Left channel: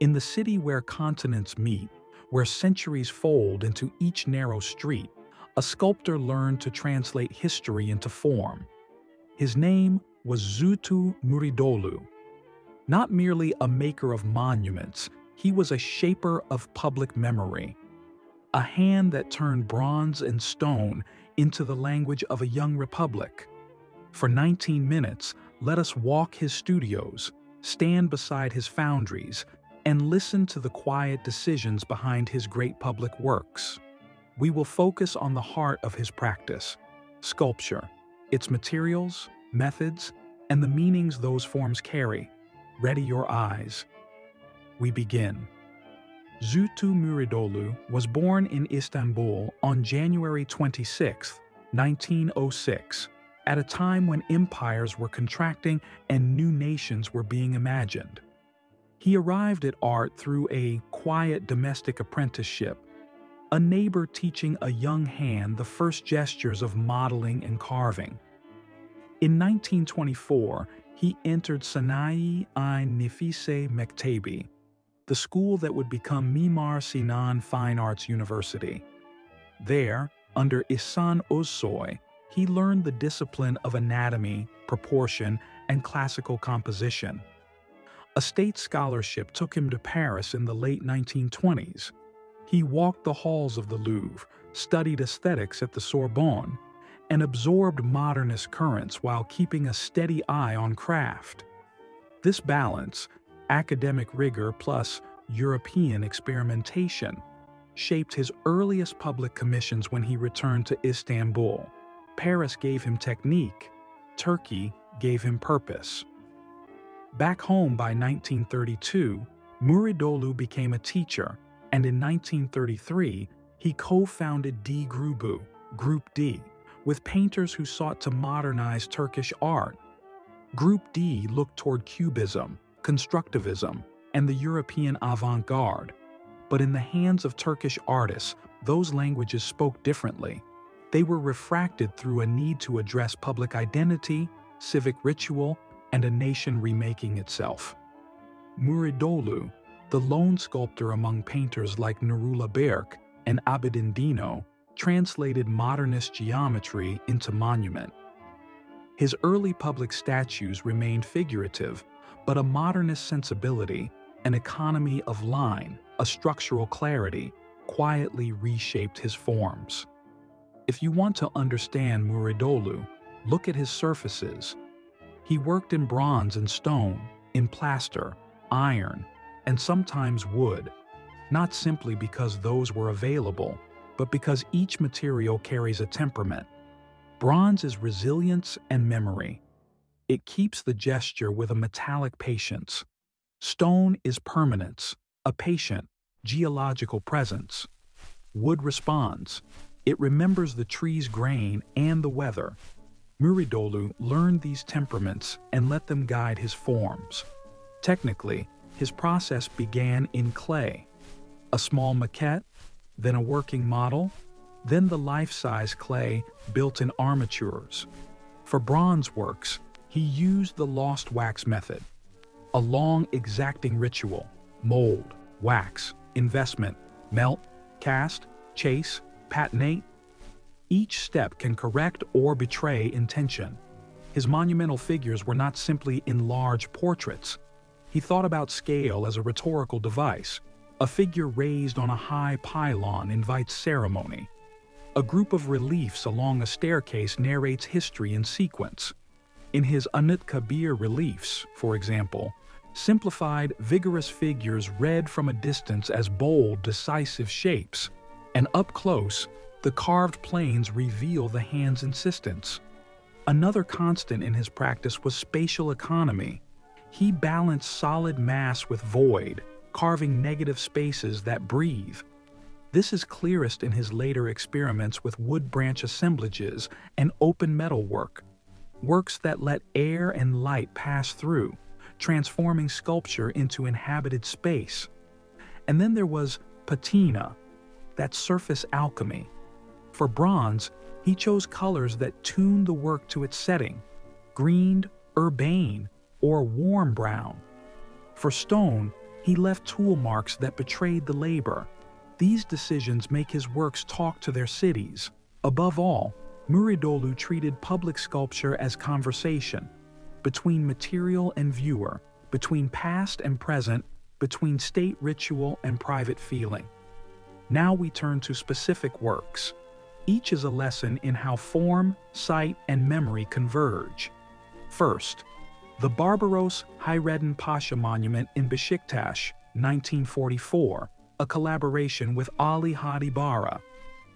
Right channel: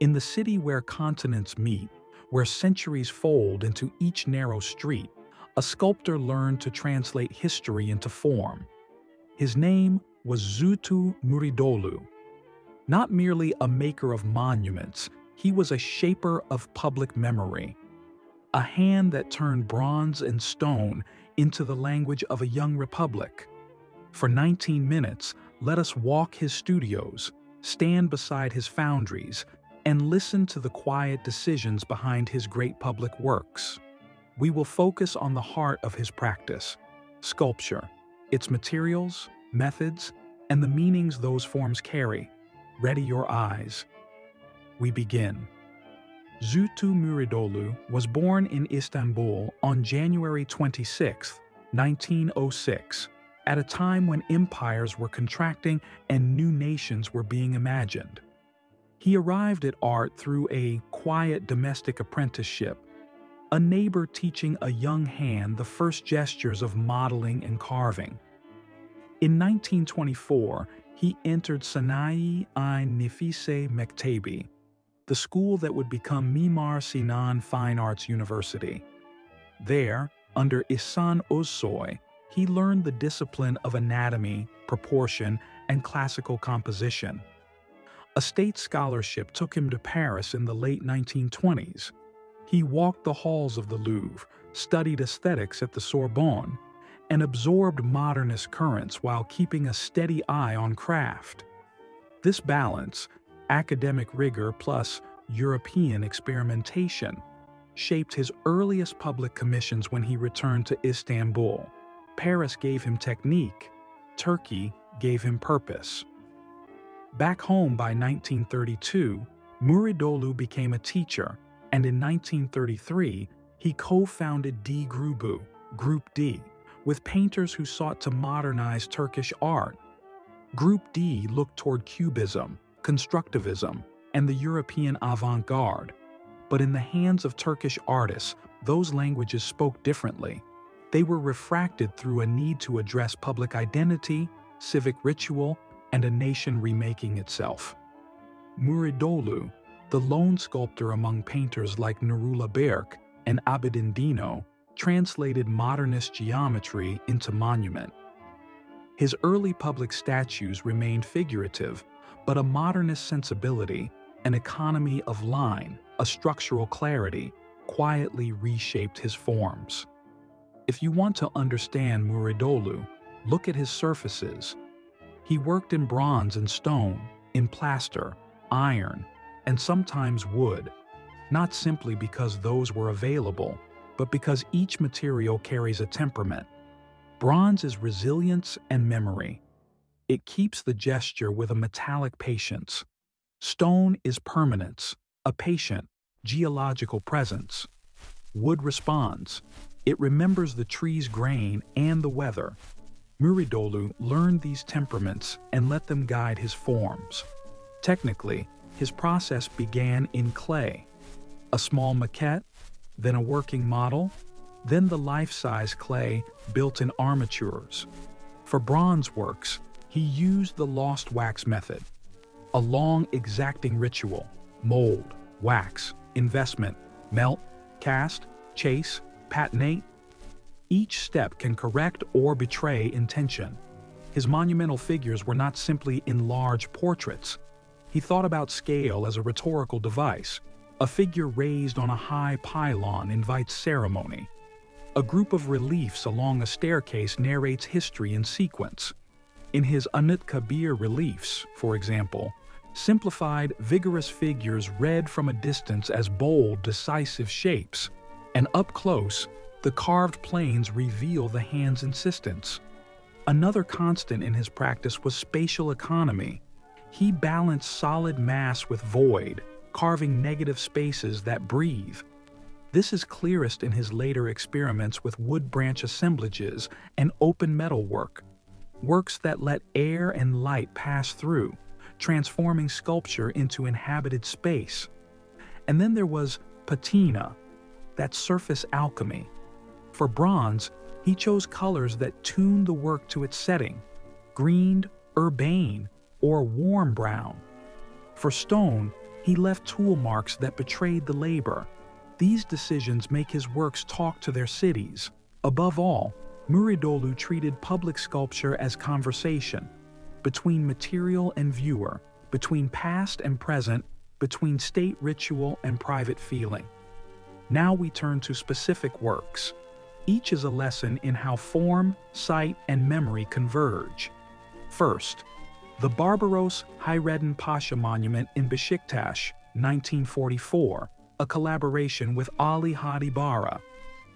In the city where continents meet, where centuries fold into each narrow street, a sculptor learned to translate history into form. His name was Zühtü Müridoğlu. Not merely a maker of monuments, he was a shaper of public memory. A hand that turned bronze and stone into the language of a young republic. For 19 minutes, let us walk his studios, stand beside his foundries, and listen to the quiet decisions behind his great public works. We will focus on the heart of his practice, sculpture, its materials, methods, and the meanings those forms carry. Ready your eyes. We begin. Zühtü Müridoğlu was born in Istanbul on January 26, 1906, at a time when empires were contracting and new nations were being imagined. He arrived at art through a quiet domestic apprenticeship, a neighbor teaching a young hand the first gestures of modeling and carving. In 1924, he entered Sanayi-i Nefise Mektebi, the school that would become Mimar Sinan Fine Arts University. There, under İhsan Özsoy, he learned the discipline of anatomy, proportion, and classical composition. A state scholarship took him to Paris in the late 1920s. He walked the halls of the Louvre, studied aesthetics at the Sorbonne, and absorbed modernist currents while keeping a steady eye on craft. This balance, academic rigor plus European experimentation, shaped his earliest public commissions when he returned to Istanbul. Paris gave him technique, Turkey gave him purpose. Back home by 1932, Müridoğlu became a teacher, and in 1933, he co-founded D Grubu, Group D, with painters who sought to modernize Turkish art. Group D looked toward Cubism, Constructivism, and the European avant-garde. But in the hands of Turkish artists, those languages spoke differently. They were refracted through a need to address public identity, civic ritual, and a nation remaking itself. Müridoğlu, the lone sculptor among painters like Nurullah Berk and Abidin Dino, translated modernist geometry into monument. His early public statues remained figurative, but a modernist sensibility, an economy of line, a structural clarity, quietly reshaped his forms. If you want to understand Müridoğlu, look at his surfaces. He worked in bronze and stone, in plaster, iron, and sometimes wood, not simply because those were available, but because each material carries a temperament. Bronze is resilience and memory. It keeps the gesture with a metallic patience. Stone is permanence, a patient, geological presence. Wood responds. It remembers the tree's grain and the weather. Müridoğlu learned these temperaments and let them guide his forms. Technically, his process began in clay. A small maquette, then a working model, then the life-size clay built in armatures. For bronze works, he used the lost wax method, a long, exacting ritual: mold, wax, investment, melt, cast, chase, patinate. Each step can correct or betray intention. His monumental figures were not simply enlarged portraits. He thought about scale as a rhetorical device. A figure raised on a high pylon invites ceremony. A group of reliefs along a staircase narrates history in sequence. In his Anıtkabir reliefs, for example, simplified, vigorous figures read from a distance as bold, decisive shapes, and up close, the carved planes reveal the hand's insistence. Another constant in his practice was spatial economy. He balanced solid mass with void, carving negative spaces that breathe. This is clearest in his later experiments with wood branch assemblages and open metalwork, works that let air and light pass through, transforming sculpture into inhabited space. And then there was patina, that surface alchemy. For bronze, he chose colors that tuned the work to its setting: greened, urbane, or warm brown. For stone, He left tool marks that betrayed the labor. These decisions make his works talk to their cities. Above all, Müridoğlu treated public sculpture as conversation, between material and viewer, between past and present, between state ritual and private feeling. Now we turn to specific works. Each is a lesson in how form, sight, and memory converge. First, the Barbaros Hayreddin Pasha Monument in Beşiktaş, 1944, a collaboration with Ali Hadi Bara.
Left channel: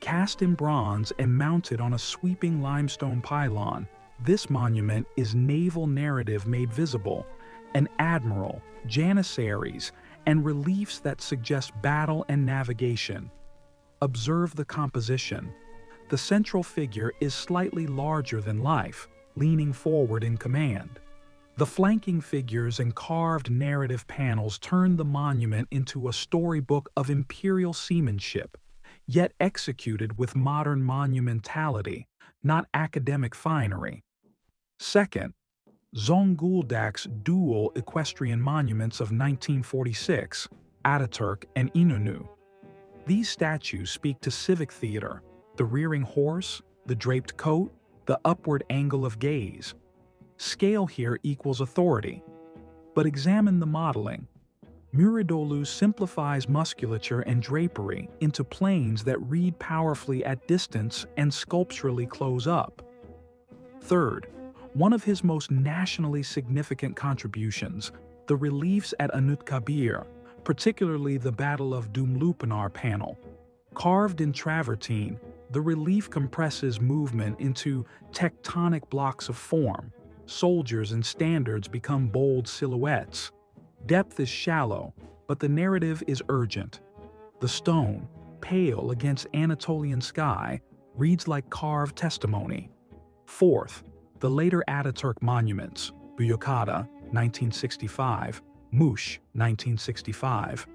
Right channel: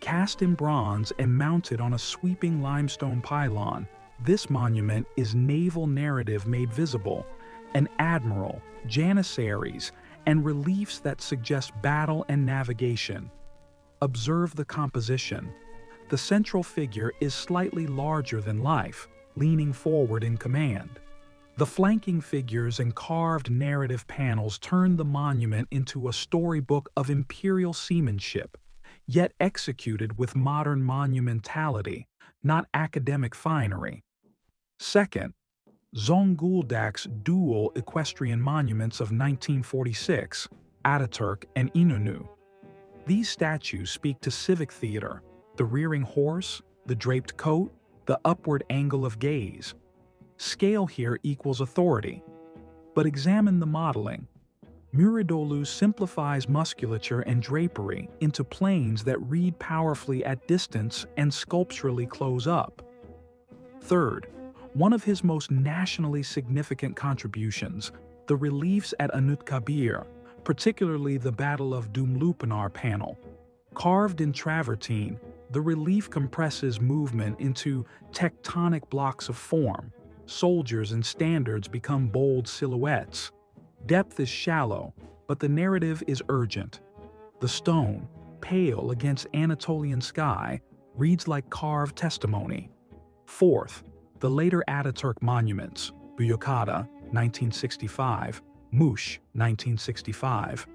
Cast in bronze and mounted on a sweeping limestone pylon, this monument is naval narrative made visible, an admiral, janissaries, and reliefs that suggest battle and navigation. Observe the composition. The central figure is slightly larger than life, leaning forward in command. The flanking figures and carved narrative panels turn the monument into a storybook of imperial seamanship, yet executed with modern monumentality, not academic finery. Second, Zonguldak's dual equestrian monuments of 1946, Atatürk and İnönü. These statues speak to civic theater, the rearing horse, the draped coat, the upward angle of gaze. Scale here equals authority. But examine the modeling. Müridoğlu simplifies musculature and drapery into planes that read powerfully at distance and sculpturally close up. Third, one of his most nationally significant contributions, the reliefs at Anıtkabir, particularly the Battle of Dumlupınar panel. Carved in travertine, the relief compresses movement into tectonic blocks of form. Soldiers and standards become bold silhouettes. Depth is shallow, but the narrative is urgent. The stone, pale against Anatolian sky, reads like carved testimony. Fourth, the later Atatürk monuments, Büyükada, 1965, Muş, 1965,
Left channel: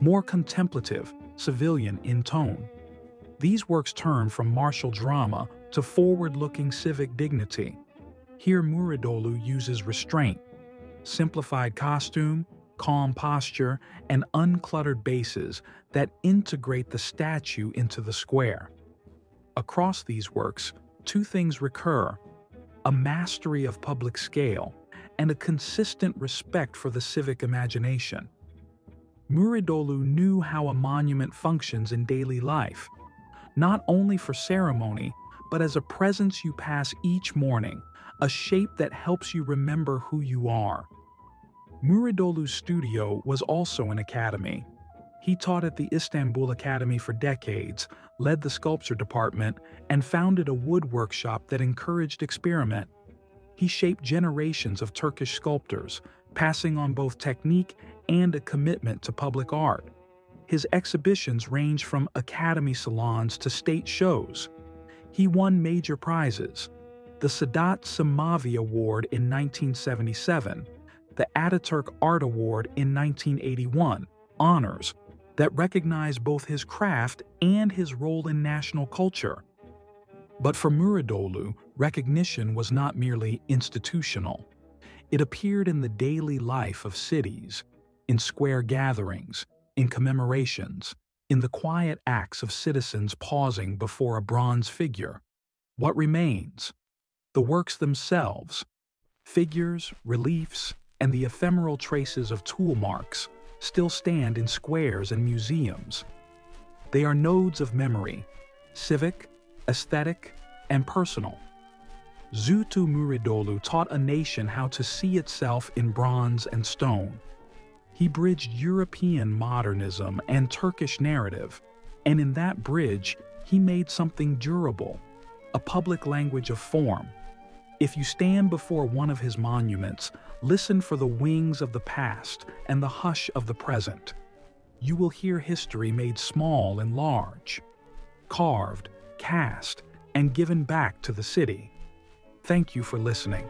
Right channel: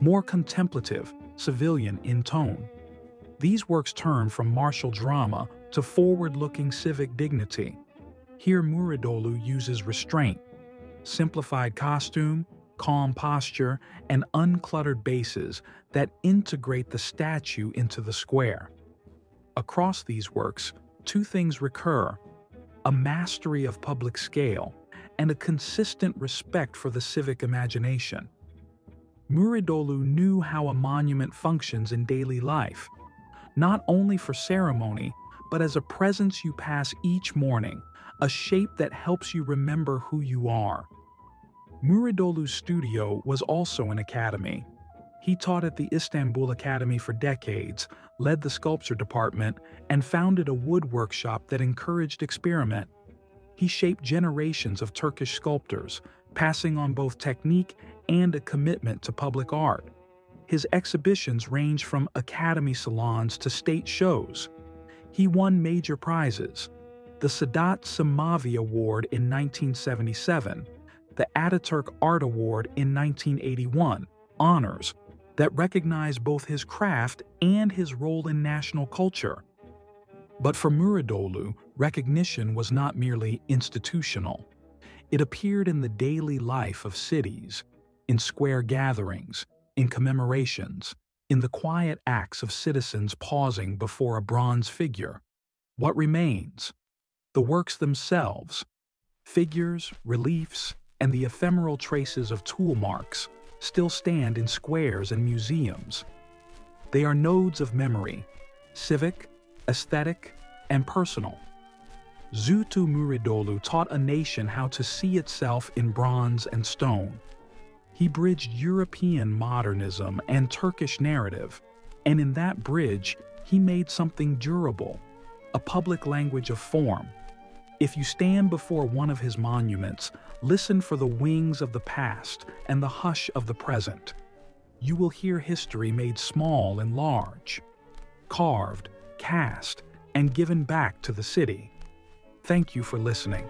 more contemplative, civilian in tone. These works turn from martial drama to forward-looking civic dignity. Here Müridoğlu uses restraint, simplified costume, calm posture, and uncluttered bases that integrate the statue into the square. Across these works, two things recur: a mastery of public scale and a consistent respect for the civic imagination. Müridoğlu knew how a monument functions in daily life, not only for ceremony, but as a presence you pass each morning, a shape that helps you remember who you are. Müridoğlu's studio was also an academy. He taught at the Istanbul Academy for decades, led the sculpture department, and founded a wood workshop that encouraged experiment. He shaped generations of Turkish sculptors, passing on both technique and a commitment to public art. His exhibitions range from academy salons to state shows. He won major prizes: the Sadat Samavi Award in 1977, the Atatürk Art Award in 1981, honors that recognize both his craft and his role in national culture. But for Müridoğlu, recognition was not merely institutional. It appeared in the daily life of cities, in square gatherings, in commemorations, in the quiet acts of citizens pausing before a bronze figure. What remains? The works themselves, figures, reliefs, and the ephemeral traces of tool marks, still stand in squares and museums. They are nodes of memory, civic, aesthetic, and personal. Zühtü Müridoğlu taught a nation how to see itself in bronze and stone. He bridged European modernism and Turkish narrative, and in that bridge, he made something durable, a public language of form. If you stand before one of his monuments, listen for the wings of the past and the hush of the present. You will hear history made small and large, carved, cast, and given back to the city. Thank you for listening.